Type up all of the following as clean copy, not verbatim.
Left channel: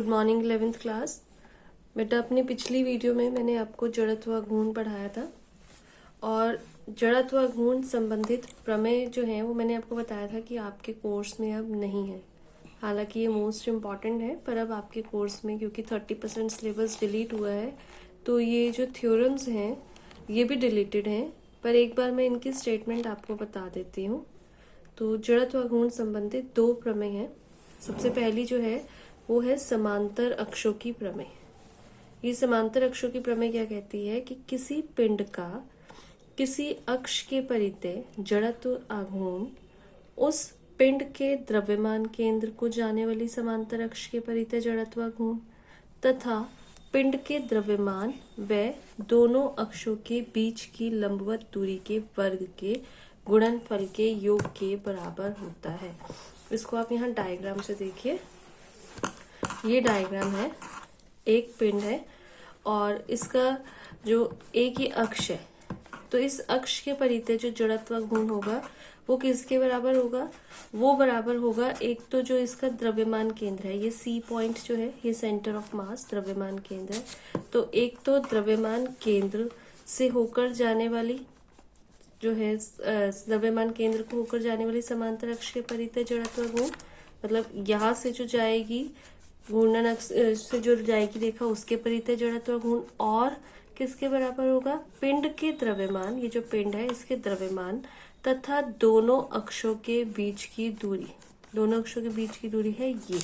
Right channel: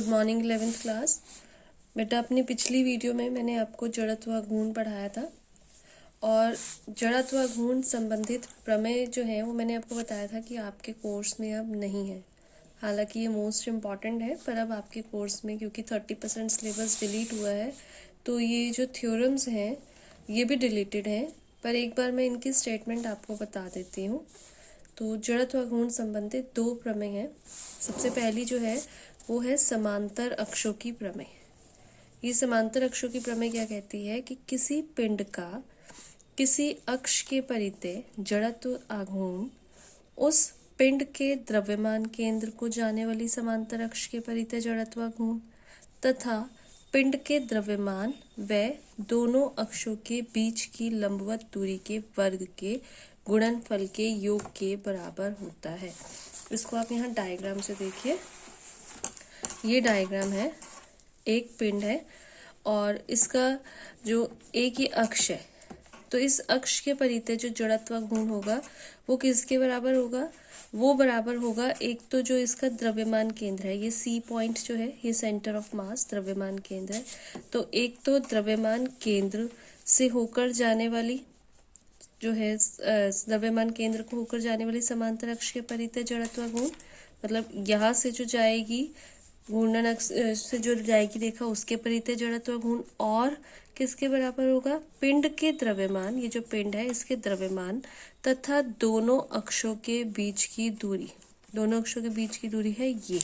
Good morning 11th class. बेटा अपनी पिछली वीडियो में मैंने आपको जड़त्व घूर्ण पढ़ाया था और जड़त्व घूर्ण संबंधित प्रमेय जो है वो मैंने आपको बताया था कि आपके कोर्स में अब नहीं है। हालांकि ये मोस्ट इम्पॉर्टेंट है पर अब आपके कोर्स में क्योंकि 30% सिलेबस डिलीट हुआ है तो ये जो थ्योरम्स हैं ये भी डिलीटेड हैं। पर एक बार मैं इनकी स्टेटमेंट आपको बता देती हूँ। तो जड़त्व घूर्ण संबंधित दो प्रमेय हैं। सबसे पहली जो है वो है समांतर अक्षों की प्रमेय। ये समांतर अक्षों की प्रमेय क्या कहती है कि किसी पिंड का किसी अक्ष के परितः जड़त्व आघूर्ण उस पिंड के द्रव्यमान केंद्र को जाने वाली समांतर अक्ष के परितः जड़त्व आघूर्ण तथा पिंड के द्रव्यमान व दोनों अक्षों के बीच की लंबवत दूरी के वर्ग के गुणनफल के योग के बराबर होता है। इसको आप यहाँ डायग्राम से देखिए। ये डायग्राम है, एक पिंड है और इसका जो एक ही अक्ष है तो इस अक्ष के परितः जो जड़त्व घूर्ण होगा वो किसके बराबर होगा? वो बराबर होगा एक तो जो इसका द्रव्यमान केंद्र है, ये सी पॉइंट जो है ये सेंटर ऑफ मास द्रव्यमान केंद्र है। तो एक तो द्रव्यमान केंद्र से होकर जाने वाली जो है द्रव्यमान केंद्र को होकर जाने वाली समांतर अक्ष के परितः जड़त्व घूर्ण, मतलब यहाँ से जो जाएगी घूर्णन अक्ष से जो जाएगी रेखा उसके परितः जड़त्व घूर्ण और किसके बराबर होगा? पिंड के द्रव्यमान, ये जो पिंड है इसके द्रव्यमान तथा दोनों अक्षों के बीच की दूरी। दोनों अक्षों के बीच की दूरी है ये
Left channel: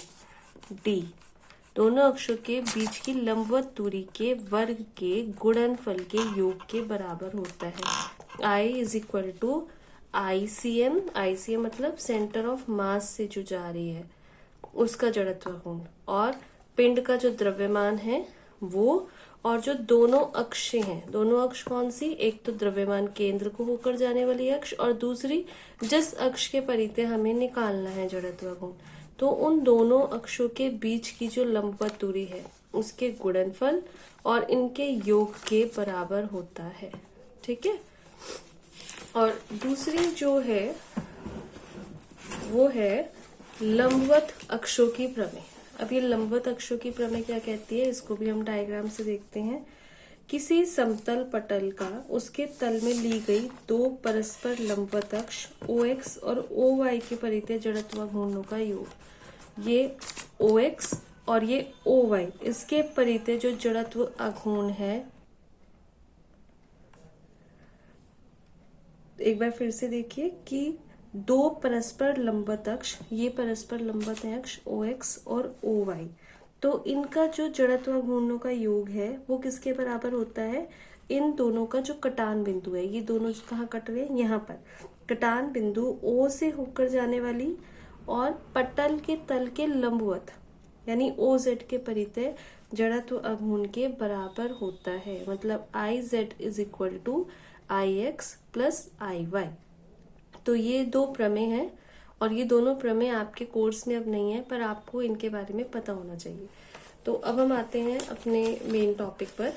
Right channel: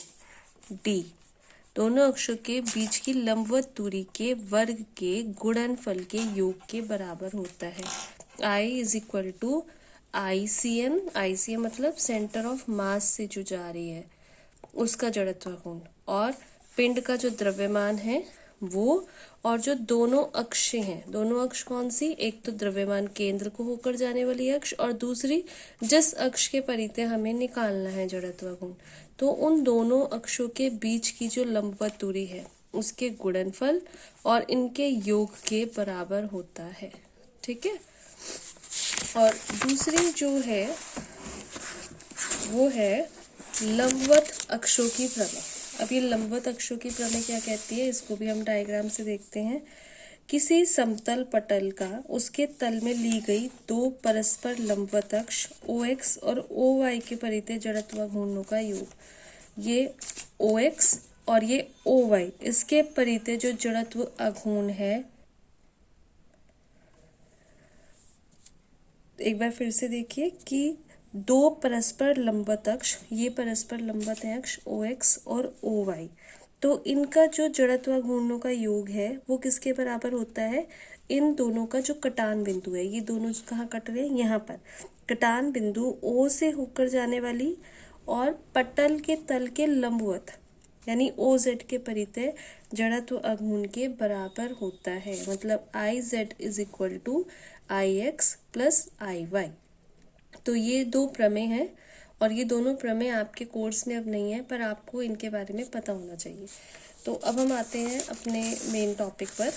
d। दोनों अक्षों के बीच की लंबवत दूरी के वर्ग के गुणनफल के योग के बराबर होता है। I is equal to ICM, ICM मतलब सेंटर ऑफ मास से जो जा रही है उसका जड़त्व घूर्ण और पिंड का जो द्रव्यमान है वो और जो दोनों अक्ष हैं, दोनों अक्ष कौन सी? एक तो द्रव्यमान केंद्र को होकर जाने वाली अक्ष और दूसरी जिस अक्ष के परितः हमें निकालना है जड़त्व घूर्ण, तो उन दोनों अक्षों के बीच की जो लंबवत दूरी है उसके गुणनफल और इनके योग के बराबर होता है। ठीक है। और दूसरी जो है वो है लंबवत अक्षों की प्रमेय। अब ये लंबवत अक्षों की प्रमेय क्या कहती है इसको भी हम डायग्राम से देखते हैं। किसी समतल पटल का उसके तल में ली गई दो परस्पर लंबवत अक्ष OX और OY के परितः जड़त्व घूर्णों का योग, ये OX और ये OY इसके परितः जो जड़त्व आघूर्ण है, एक बार फिर से देखिए कि दो परस्पर लंबवत अक्ष, ये परस्पर लंबवत है अक्ष OX और OY, तो इनका जो जड़त्व घूर्णों का योग है वो किसके बराबर होता है? इन दोनों का जो कटान बिंदु है, ये दोनों कहाँ कट रहे हैं? यहाँ पर कटान बिंदु O से होकर जाने वाली और पटल के तल के लंबवत यानी OZ के परितः जड़त्व आघूर्ण के बराबर होता है। मतलब IZ is equal to IX plus IY। तो ये दो प्रमेय हैं और ये दोनों प्रमेय आपके कोर्स में अब नहीं है पर आपको इनके बारे में पता होना चाहिए। तो अब हम आते हैं अपने मेन टॉपिक पर।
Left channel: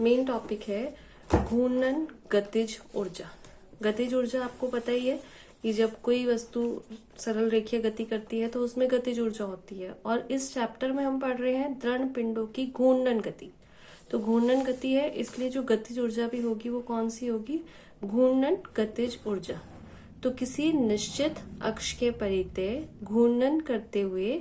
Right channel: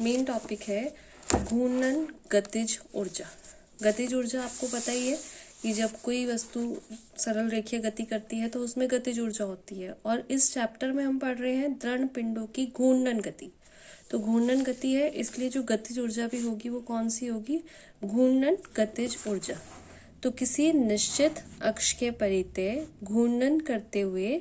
मेन टॉपिक है घूर्णन गतिज ऊर्जा। गतिज ऊर्जा आपको पता ही है कि जब कोई वस्तु सरल रेखीय गति करती है तो उसमें गतिज ऊर्जा होती है और इस चैप्टर में हम पढ़ रहे हैं दृढ़ पिंडों की घूर्णन गति। तो घूर्णन गति है इसलिए जो गतिज ऊर्जा भी होगी वो कौन सी होगी? घूर्णन गतिज ऊर्जा। तो किसी निश्चित अक्ष के परितः घूर्णन करते हुए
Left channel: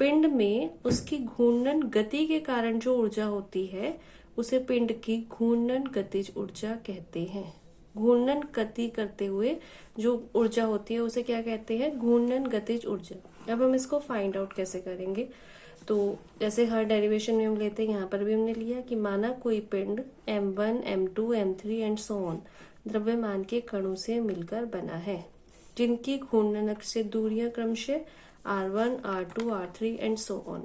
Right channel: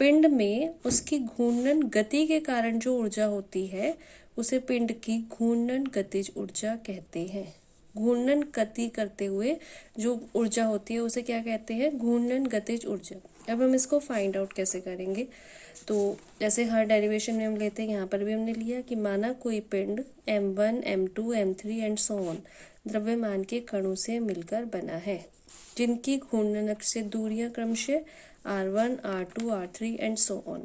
पिंड में उसकी घूर्णन गति के कारण जो ऊर्जा होती है उसे पिंड की घूर्णन गतिज ऊर्जा कहते हैं। घूर्णन गति करते हुए जो ऊर्जा होती है उसे क्या कहते हैं? घूर्णन गतिज ऊर्जा। अब हम इसको फाइंड आउट कैसे करेंगे? तो जैसे हर डेरिवेशन में हम लेते हैं, यहाँ पर भी हमने लिया कि माना कोई पिंड M1, M2, M3 and so on द्रव्यमान के कणों से मिलकर बना है जिनकी घूर्णन अक्ष से दूरियां क्रमशः R1, R2, R3 and so on.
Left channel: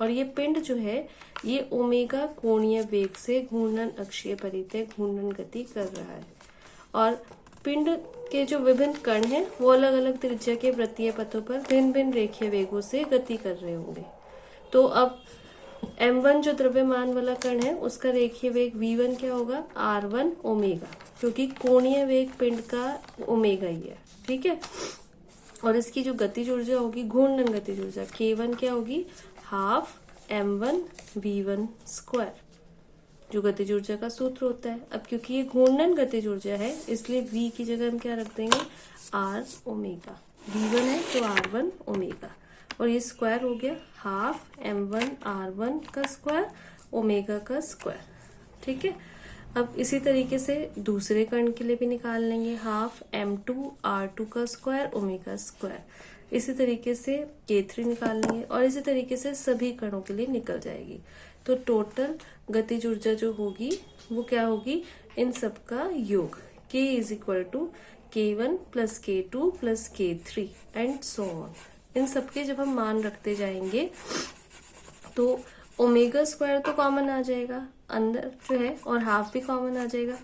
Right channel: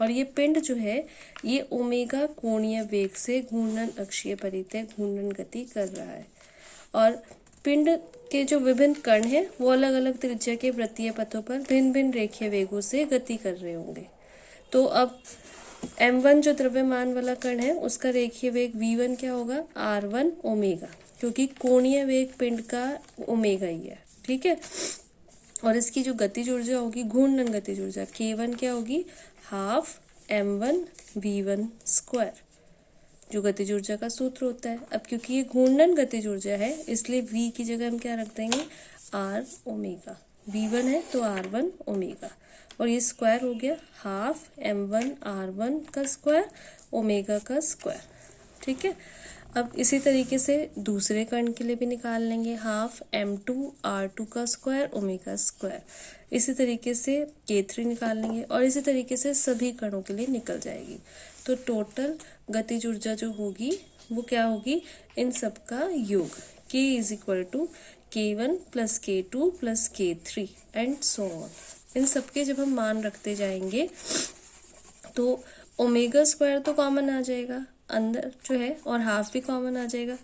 और ये पिंड जो है ये ओमेगा कोणीय वेग से घूर्णन अक्षीय परितः घूर्णन गति कर रहा है और पिंड के जो विभिन्न कण हैं वो अलग अलग त्रिज्या के वृत्तीय पथों पर भिन्न भिन्न रेखीय वेगों से गति कर रहे होंगे। तो अब M1 जो द्रव्यमान वाला कण है उसका रेखीय वेग V1 क्या होगा? R1 ओमेगा, क्योंकि कोणीय वेग पिंड का ओमेगा ही है। ठीक है। और इसकी जो गतिज ऊर्जा होगी घूर्णन गतिज ऊर्जा K1 क्या होगी, हाफ m1v1 स्क्वायर, जो गतिज ऊर्जा का सूत्र होता है। अब क्योंकि ये घूर्णन गतिज ऊर्जा है इसलिए v की जगह हम क्या रख देंगे, r ओमेगा। v1 है तो r1 ओमेगा, और ये स्क्वायर हो गया हाफ m1 r1 का स्क्वायर ओमेगा का स्क्वायर। ठीक है, अब इसी तरीके से दूसरे कण के लिए भी निकाल लेंगे, हाफ m2 r2 का स्क्वायर ओमेगा स्क्वायर। इसी तरीके से K3 निकाल लेंगे और इसी तरीके से सभी कणों के लिए निकल जाएगी। तो टोटल गतिज ऊर्जा जो होगी वो क्या होगी, इन सब का योग, K is equal to K1 plus K2 plus K3 and so on. इन सब के जब हम मान रखते जाएंगे तो ओमेगा स्क्वायर तो कॉमन आ जाएगा अंदर जो है, और हाफ भी कॉमन आ जाएगा,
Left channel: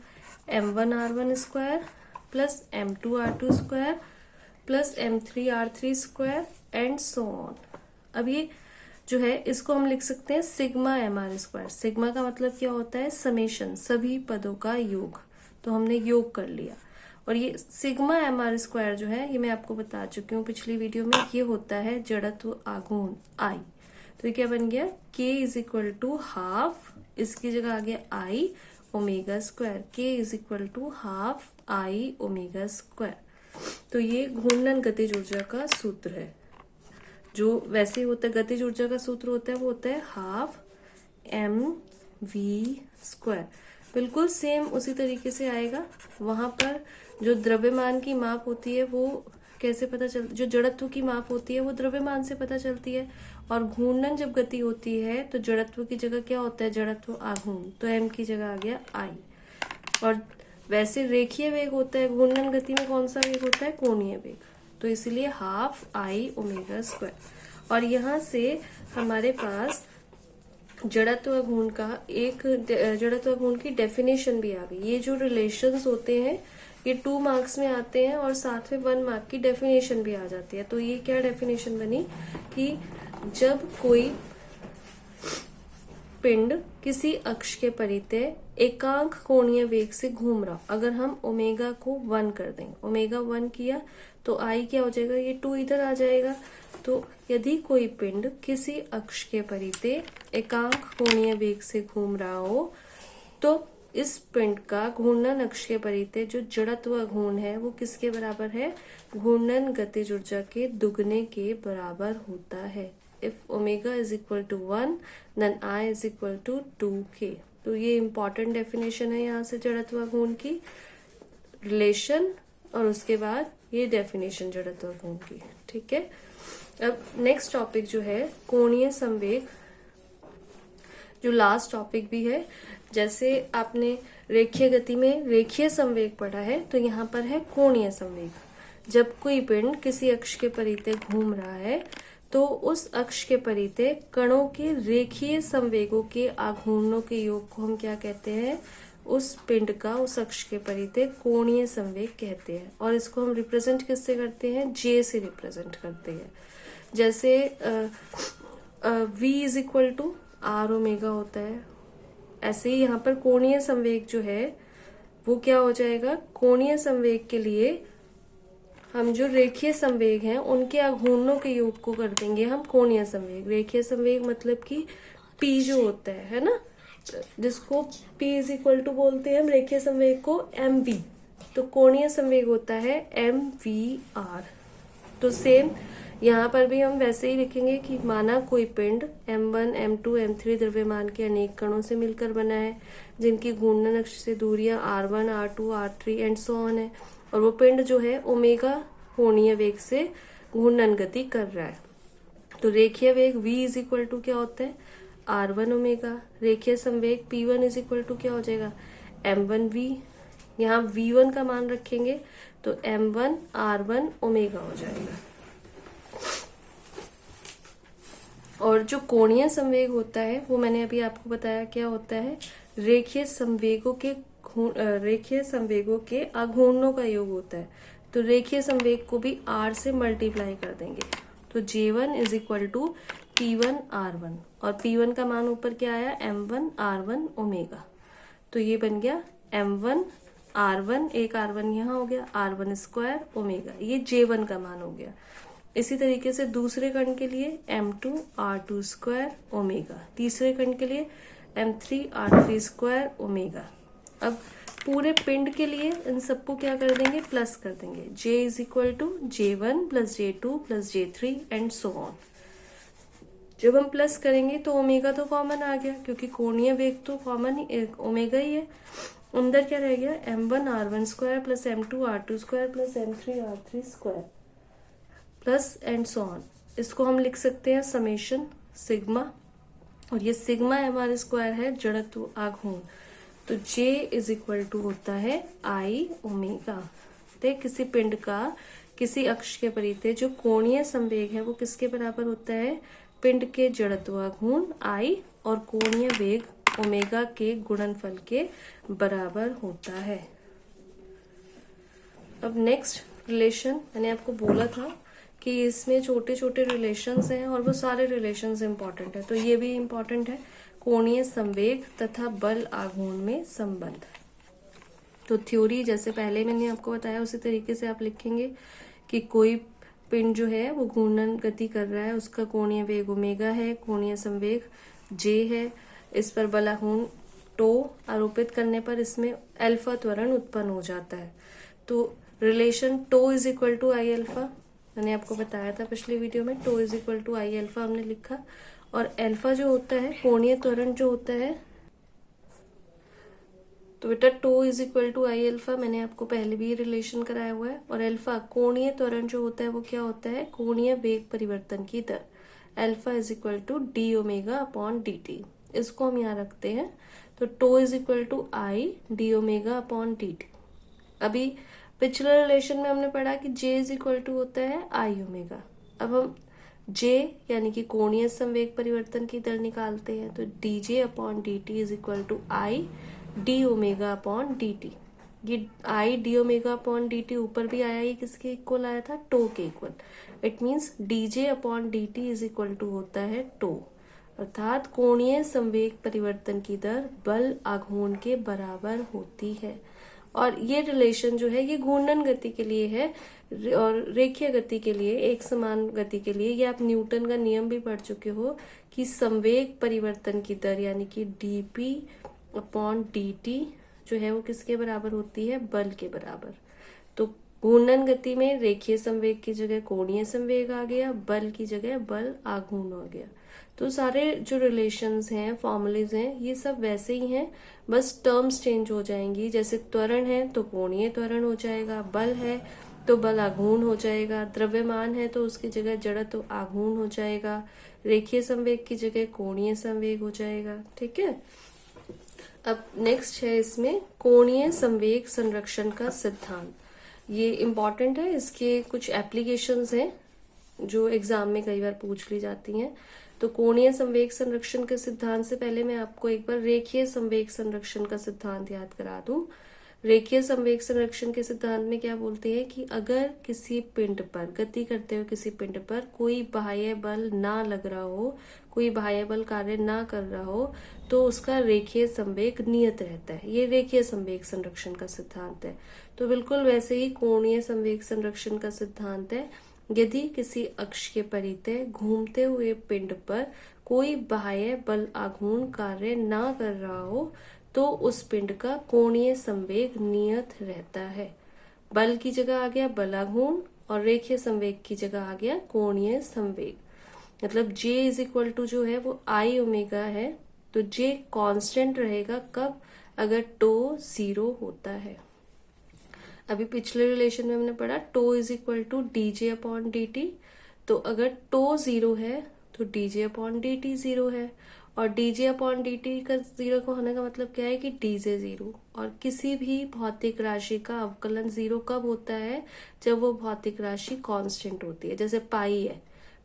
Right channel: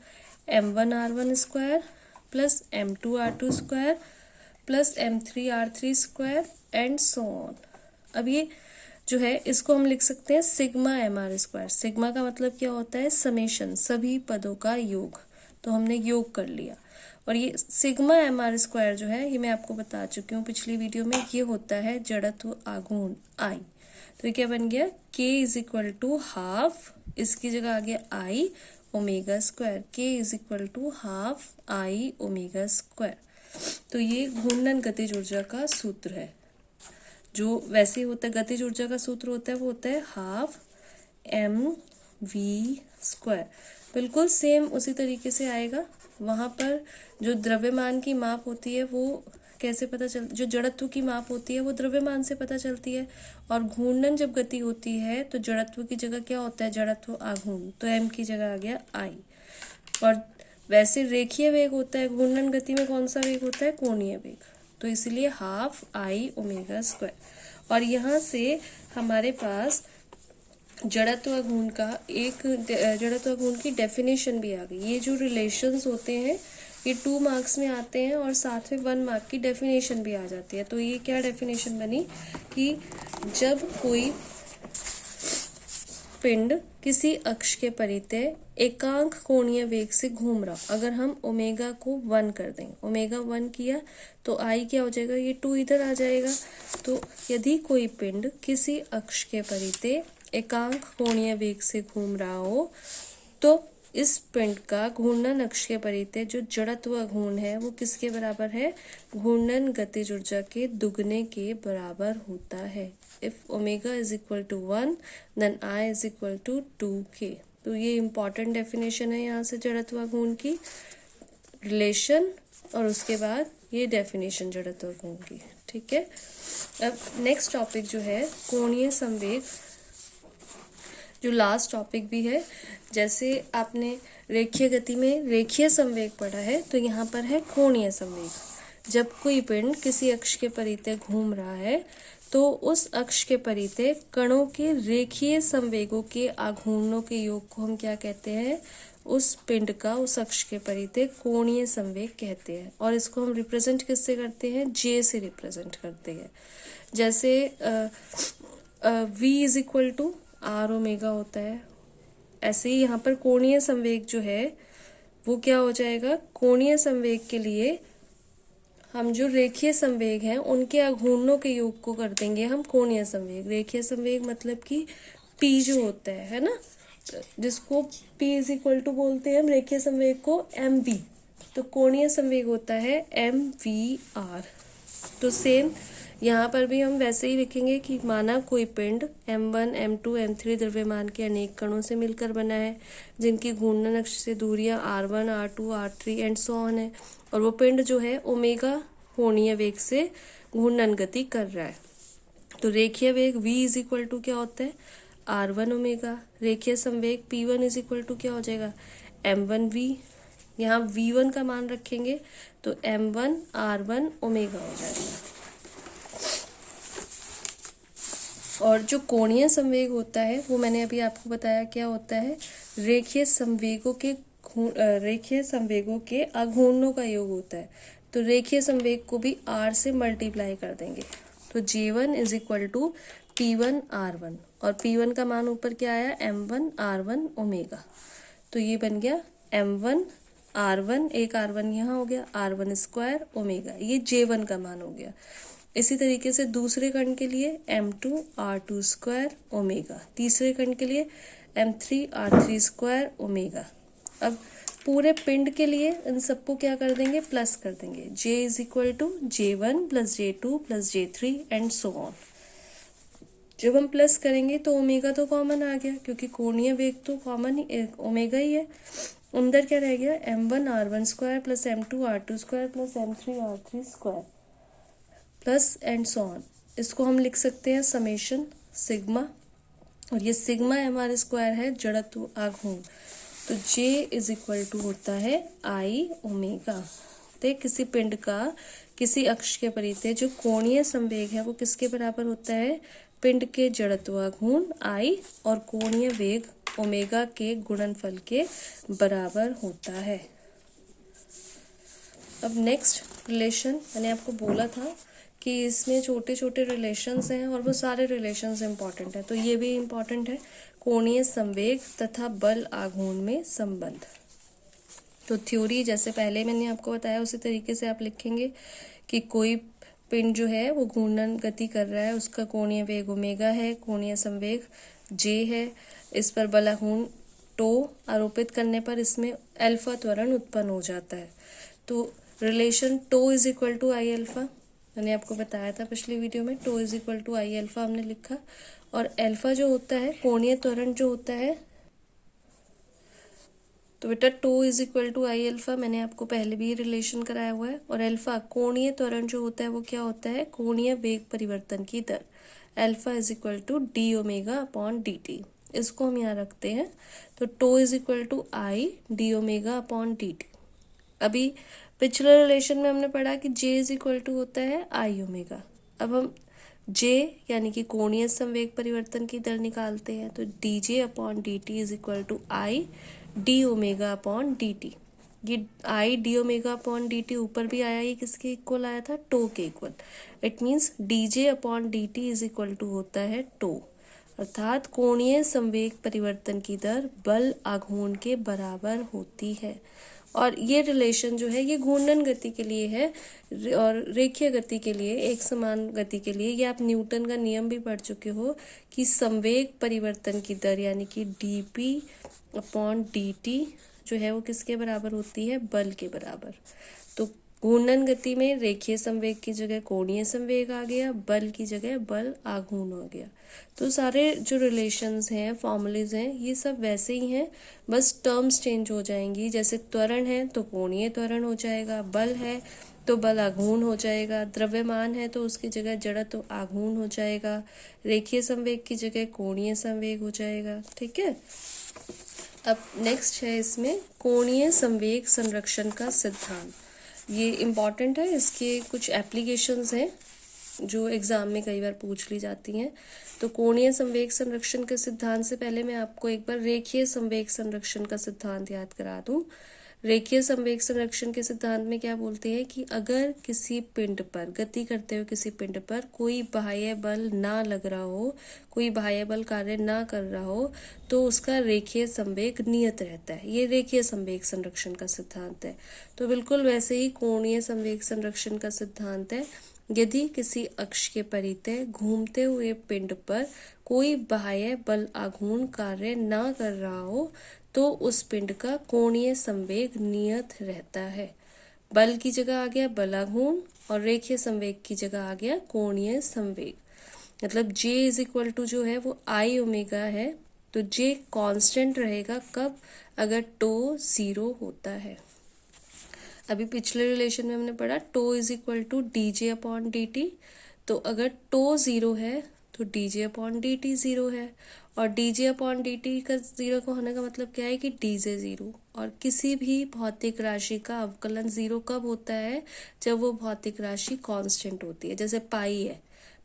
m1 r1 square plus m2 r2 square plus m3 r3 square and so on. अब ये जो है इसको हम लिख सकते हैं सिग्मा mr स्क्वायर। सिग्मा का मतलब क्या होता है, समेशन, सभी पदों का योग। तो हमने योग कर लिया, और ये सिग्मा mr स्क्वायर जो है ये मैं आपको बता चुकी हूँ पिछली वीडियो में, ये होता है जड़त्व आघूर्ण I। तो ये क्या बन गया, K is equal to half, इसकी जगह आ गया I omega square, K is equal to half I omega square. तो ये घूर्णन गतिज ऊर्जा का सूत्र है, जो वैसे होता है गतिज ऊर्जा का सूत्र होता है वो होता है हाफ mv स्क्वायर। बिल्कुल सेम उसी तरीके से आएगा। वहां पर जो द्रव्यमान की माप होती है वो कैसे पता चल, जो जड़त्व की माप होती है वो द्रव्यमान से पता चलती है, और घूर्णन जब गति होती है तो जड़त्व की जगह क्या होता है, जड़त्व आघूर्ण, तो m की जगह आ गया I। और वैसे रेखीय वेग होता है, घूर्णन गति में कौन सा वेग होता है, कोणीय वेग, तो इसलिए हाफ I ओमेगा स्क्वायर। और यहाँ से हमारे पास जड़त्व घूर्ण का एक जड़त्व घूर्ण की डेफिनेशन भी आ गई। ये जो रिलेशंस होते हैं ये 2 मार्क्स में आते हैं और साथ में 1 मार्क की डेफिनेशन भी आ जाती है। तो ये क्या डेफिनेशन बनी कि जब कोई पिंड किसी अक्ष के परितः एकांक कोणीय वेग से घूम रहा, अगर हम ओमेगा को 1 कर दें, ओमेगा 1 किया तो I क्या हो जाएगा, ये 2 इधर आ जाएगा। तो यदि कोई पिंड किसी अक्ष के परितः एकांक कोणीय वेग से घूम रहा हो तो इस पिंड का घूर्णन अक्ष के परितः जो जड़त्व घूर्ण है वो किसके बराबर है, घूर्णन गतिज ऊर्जा के दुगने के बराबर होता है। If omega is equal to 1 then I is equal to 2k। तो ये इंपॉर्टेंट डेफिनेशन है यहाँ से जड़त्व घूर्ण की, रिलेशन, और उसके बाद ये डेफिनेशन जड़त्व घूर्ण की। ठीक है, अब नेक्स्ट टॉपिक जो है कोणीय संवेग, जो लास्ट टॉपिक भी है। जैसे आपने रेखीय गति में रेखीय संवेग पढ़ा है, तो यहाँ पर है कोणीय संवेग। जब कोई पिंड किसी अक्ष के परितः घूम रहा है तो उस अक्ष के परितः कणों के रेखीय संवेगों के आघूर्णों के योग को हम क्या कहते हैं, उस पिंड का उस अक्ष के परितः कोणीय संवेग कहते हैं। और इसको हम रिप्रेजेंट किससे करते हैं, J से रिप्रेजेंट करते हैं। जैसे V is equal to R omega होता है, ऐसे ही यहाँ पर कोणीय संवेग जो है वो क्या हो जाएगा, कोणीय संवेग के लिए हम जो रेखीय संवेग हैं उनके आघूर्णों के योग को कर देंगे हम कोणीय संवेग। रेखीय संवेग मतलब कि P जो होता है ना, जिसको P इज इक्वल टू बोलते हैं हम रेखीय संवेग को mv, तो कोणीय संवेग होता है mvr। तो सेम यहाँ पर भी हम वैसे ही लिखेंगे कि माना कोई पिंड m1 m2 m3 द्रव्यमान के अनेक कणों से मिलकर बना है, जिनकी घूर्णन अक्ष से दूरियां r1 r2 r3 and so on है, और वो पिंड जो है ओमेगा कोणीय वेग से घूर्णन गति कर रहा है। तो रेखीय वेग v इज इक्वल टू क्या होता है, r1 ओमेगा। रेखीय संवेग p1 इज इक्वल टू क्या हो जाएगा, m1v। यहाँ v1 का मान रखेंगे तो m1 r1 ओमेगा हो जाएगा। और जो कोणीय संवेग होता है वो मैंने अभी आपको बताया क्या होता है, रेखीय संवेगों के आघूर्णों का योग होता है। तो रेखीय संवेग को भी r से मल्टीप्लाई कर देंगे, तो J1 is equal to P1 R1, और P1 का मान ऊपर क्या आया, M1 R1 ओमेगा। तो ये बन गया M1 R1, एक R1 यहाँ हो गया, R1 स्क्वायर ओमेगा, ये J1 का मान हो गया। इसी तरीके से दूसरे कण के लिए M2 R2 स्क्वायर ओमेगा, तीसरे कण के लिए M3 R3 स्क्वायर ओमेगा। अब पूरे पिंड के लिए इन सबको क्या कर देंगे, प्लस कर देंगे, J is equal to J1 plus J2 plus J3 and so on. जब हम प्लस करेंगे तो ओमेगा तो कॉमन आ गया, क्योंकि कोणीय वेग तो कॉमन ही ओमेगा ही है। अंदर क्या रह गया, M1 R1 square plus M2 R2 square plus M3 R3 square plus and so on. इसको हम लिख सकते हैं समेशन सिग्मा, और ये सिग्मा हमारे स्क्वायर है जड़त्व आघूर्ण। तो J इज इक्वल टू होता है आई ओमेगा। तो किसी पिंड का किसी अक्ष के परितः जो कोणीय संवेग है वो किसके बराबर होता है, पिंड के जड़त्वाघूर्ण आई और कोणीय वेग ओमेगा के गुणनफल के बराबर होता है। अब नेक्स्ट रिलेशन, मैंने आपको बोला था कि इसमें छोटे छोटे रिलेशंस हैं और वो सारे रिलेशंस इंपॉर्टेंट है, तो ये भी इंपॉर्टेंट है, कोणीय संवेग तथा बल आघूर्ण में संबंध। तो थ्योरी जैसे पहले मैंने आपको बताया उसी तरीके से आप लिखेंगे कि कोई पिंड जो है वो घूर्णन गति कर रहा है, उसका कोणीय वेग ओमेगा है, कोणीय संवेग J है, इस पर बल आघूर्ण टो आरोपित करने पर इसमें अल्फा त्वरण उत्पन्न हो जाता है। तो relation tau is equal to I alpha, मैंने आपको बताया था पिछले वीडियो में, tau is equal to I alpha हमने लिखा, और अल्फा जो होता है कोणीय त्वरण जो होता है, तो बेटा tau is equal to I alpha मैंने आपको पहले भी रिलेशन कराया हुआ है, और अल्फा कोणीय त्वरण जो होता है वो क्या होता है, कोणीय वेग परिवर्तन की दर, alpha is equal to d omega upon D t, इसको हम यहाँ रखते हैं। तो tau is equal to I d omega upon D t. अभी पिछले रिलेशन में हमने पढ़ा कि J इज इक्वल टू होता है आई ओमेगा। अब हम J यानी कि कोणीय संवेग परिवर्तन की दर निकालते हैं, तो D J upon D T is equal to I d omega upon D t. ये I d omega upon D t ऊपर भी आया, ये किसके इक्वल आया था, टो के equal. It means D J upon D T is equal to होता है टो, अर्थात कोणीय संवेग परिवर्तन की दर बल आघूर्ण के बराबर होती है। और ये रिलेशन जो है ये घूर्णन गति के लिए है और रेखीय गति के लिए, एक समान गति के लिए, ये आप न्यूटन का नियम भी पढ़ चुके हो कि संवेग परिवर्तन की दर यानी कि dp अपॉन dt जो है वो किसके बराबर होती है, बल के बराबर। तो घूर्णन गति में रेखीय संवेग की जगह कोणीय संवेग आ गया, बल की जगह बल आघूर्ण आ गया। तो सारे जो रिलेशंस हैं, फॉर्मूलेज हैं, ये सब वैसे ही हैं, बस टर्म्स चेंज हो जाएंगी। जैसे त्वरण है तो कोणीय त्वरण हो जाएगा, बल है तो बल आघूर्ण हो जाएगा, द्रव्यमान है तो उसकी जगह जड़त्व आघूर्ण हो जाएगा, रेखीय संवेग की जगह कोणीय संवेग हो जाएगा। ठीक है। अब नेक्स्ट है इसमें कोणीय संवेग संरक्षण का सिद्धांत। ये इम्पॉर्टेंट है, इसके कुछ एप्लीकेशंस हैं जो एग्जाम में कई बार पूछ ली जाती हैं। तो कोणीय संवेग संरक्षण के सिद्धांत से पहले मैं आपको एक बार रेखीय संवेग संरक्षण का सिद्धांत याद करा दूं। रेखीय संवेग संरक्षण के सिद्धांत में क्या बोलते हैं कि अगर किसी पिंड पर, गति करते हुए किसी पिंड पर कोई बाह्य बल ना लग रहा हो, कोई बाह्य बल कार्य ना कर रहा हो, तो उसका रेखीय संवेग नियत रहता है। ये रेखीय संवेग संरक्षण का सिद्धांत है। तो बिल्कुल वैसे ही कोणीय संवेग संरक्षण का सिद्धांत है, यदि किसी अक्ष के परितः घूमते हुए पिंड पर कोई बाह्य बल आघूर्ण कार्य ना कर रहा हो तो उस पिंड का कोणीय संवेग नियत रहता है। बल की जगह आ गया बल आघूर्ण और रेखीय संवेग की जगह आ गया कोणीय संवेग। मतलब J इज इक्वल टू जो है वो आई ओमेगा है, तो J कांस्टेंट रहेगा कब, अगर टो 0 होता है। अभी पिछले रिलेशन में हमने पढ़ा tau is equal to D J upon D T, तो अगर टो 0 है तो D J upon D T 0 है, और डी जे अपॉन डी टी का 0 का होने का मतलब क्या है कि डी जे 0। और किसी भी भौतिक राशि का अवकलन 0 कब होता है, जब वो भौतिक राशि कांस्टेंट होती है। जैसे पाई है,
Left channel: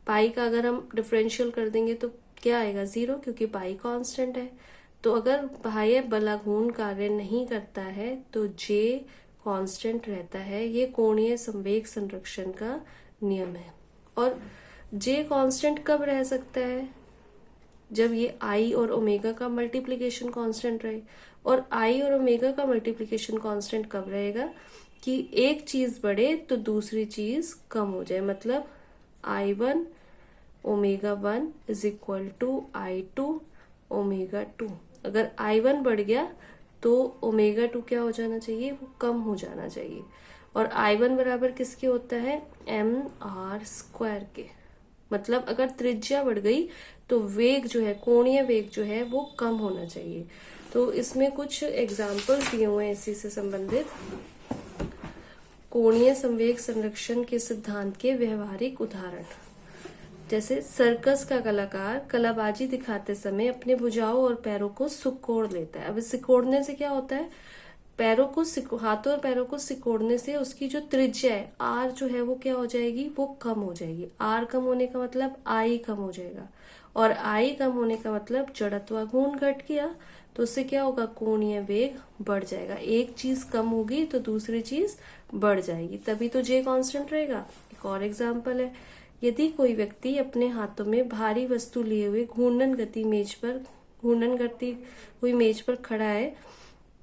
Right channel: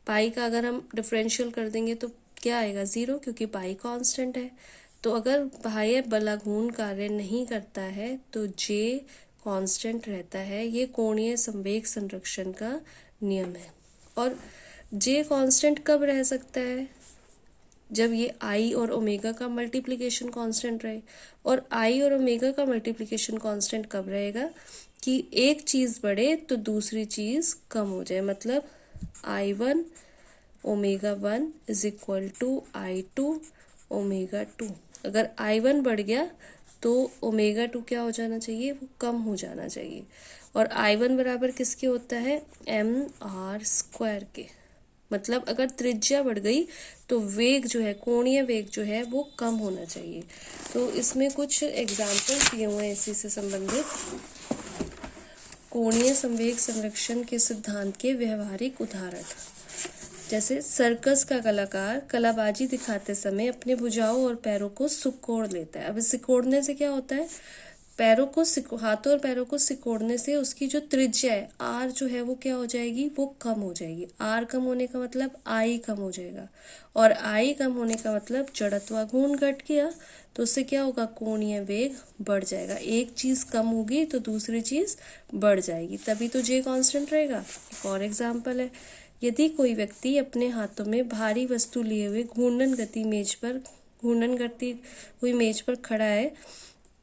पाई का अगर हम डिफरेंशियल कर देंगे तो क्या आएगा, 0, क्योंकि पाई कांस्टेंट है। तो अगर बाह्य बलाघूर्ण कार्य नहीं करता है तो जे कांस्टेंट रहता है। ये कोणीय संवेग संरक्षण का नियम है। और जे कांस्टेंट कब रह सकता है, जब ये आई और ओमेगा का मल्टीप्लिकेशन कांस्टेंट रहे। और आई और ओमेगा का मल्टीप्लिकेशन कांस्टेंट कब रहेगा कि एक चीज़ बढ़े तो दूसरी चीज़ कम हो जाए। मतलब I1 omega 1 is equal to I2 omega 2। अगर I1 बढ़ गया तो ओमेगा 2 क्या हो जाना चाहिए, वो कम हो जाना चाहिए। और I1 बराबर किसके होता है, mr² के। मतलब अगर त्रिज्या बढ़ गई तो वेग जो है, कोणीय वेग जो है वो कम होना चाहिए। तो इसमें कुछ एग्जाम्पल्स दिए हुए हैं इसी से संबंधित। कोणीय संवेग संरक्षण के सिद्धांत के व्यवहारिक उदाहरण, जैसे सर्कस का कलाकार कलाबाजी दिखाते समय अपने भुजाओं और पैरों को सिकोड़ लेता है। अब इस सिकोड़ने से क्या होता है, पैरों को हाथों और पैरों को सिकोड़ने से उसकी जो त्रिज्या है आर जो है वो क्या हो जाएगी, वो कम हो जाएगी। आर कम होने का मतलब आई कम हो जाएगा, और आई कम होने का मतलब जड़त्वाघूर्ण घट गया, तो उससे क्या होगा, कोणीय वेग बढ़ जाएगा। एक चीज कम होगी तो दूसरी चीज बढ़ जाएगी, तभी तो जे कांस्टेंट रहेगा। एक और एग्जाम्पल है, यदि कोई व्यक्ति अपने हाथों में भारी वस्तु लिए हुए घूर्णन करती हुई मेज पर खड़ा है,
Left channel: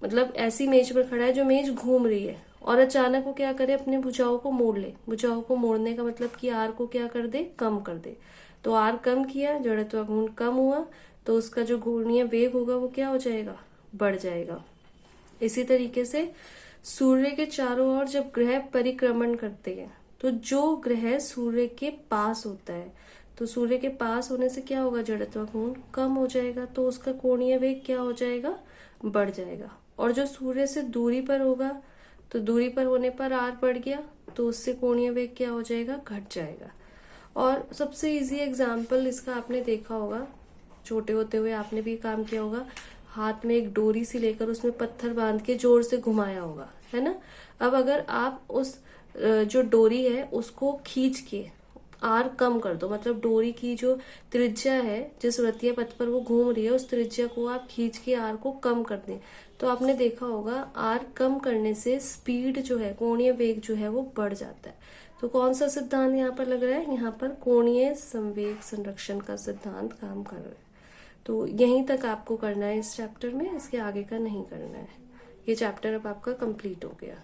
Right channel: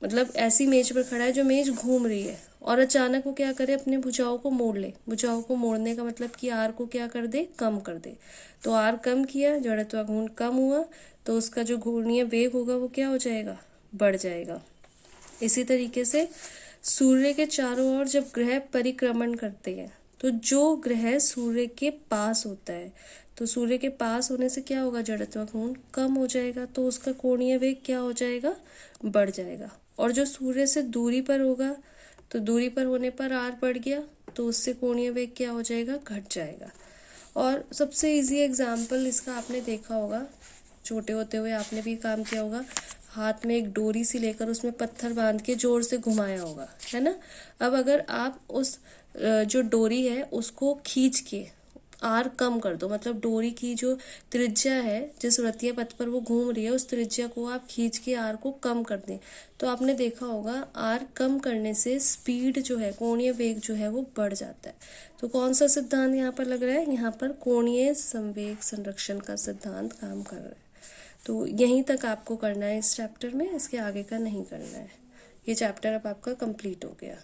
मतलब ऐसी मेज पर खड़ा है जो मेज घूम रही है, और अचानक वो क्या करे, अपने भुजाओं को मोड़ ले। भुजाओं को मोड़ने का मतलब कि आर को क्या कर दे, कम कर दे। तो आर कम किया, जड़त्वाघूर्ण कम हुआ, तो उसका जो घूर्णीय वेग होगा वो क्या हो जाएगा, बढ़ जाएगा। इसी तरीके से सूर्य के चारों ओर जब ग्रह परिक्रमण करते हैं तो जो ग्रह सूर्य के पास होता है, तो सूर्य के पास होने से क्या होगा, जड़त्वाघूर्ण कम हो जाएगा, तो उसका कोणीय वेग क्या हो जाएगा, बढ़ जाएगा। और जो सूर्य से दूरी पर होगा, तो दूरी पर होने पर आर बढ़ गया, तो उससे कोणीय वेग क्या हो जाएगा, घट जाएगा। और सबसे इजी एग्जाम्पल इसका आपने देखा होगा, छोटे होते हुए आपने भी काम किया होगा, हाथ में एक डोरी सी लेकर उसमें पत्थर बांध के जोर से घुमाया होगा, है ना। अब अगर आप उस जो डोरी है उसको खींच के आर कम कर दो, मतलब डोरी की जो त्रिज्या है जिस वृत्तीय पथ पर वो घूम रही है उस त्रिज्या को आप खींच के आर को कम कर दें, तो आपने देखा होगा आर कम करने से स्पीड जो है, कोणीय वेग जो है वो बढ़ जाता है। तो कौन सा सिद्धांत यहाँ पर लग रहा है, यहाँ पर कोणीय संवेग संरक्षण का सिद्धांत काम कर रहा है। तो यहीं तक आपको करना है इस चैप्टर में, इसके आगे का नहीं करना है। ये चैप्टर अब आपका कंप्लीट हो गया।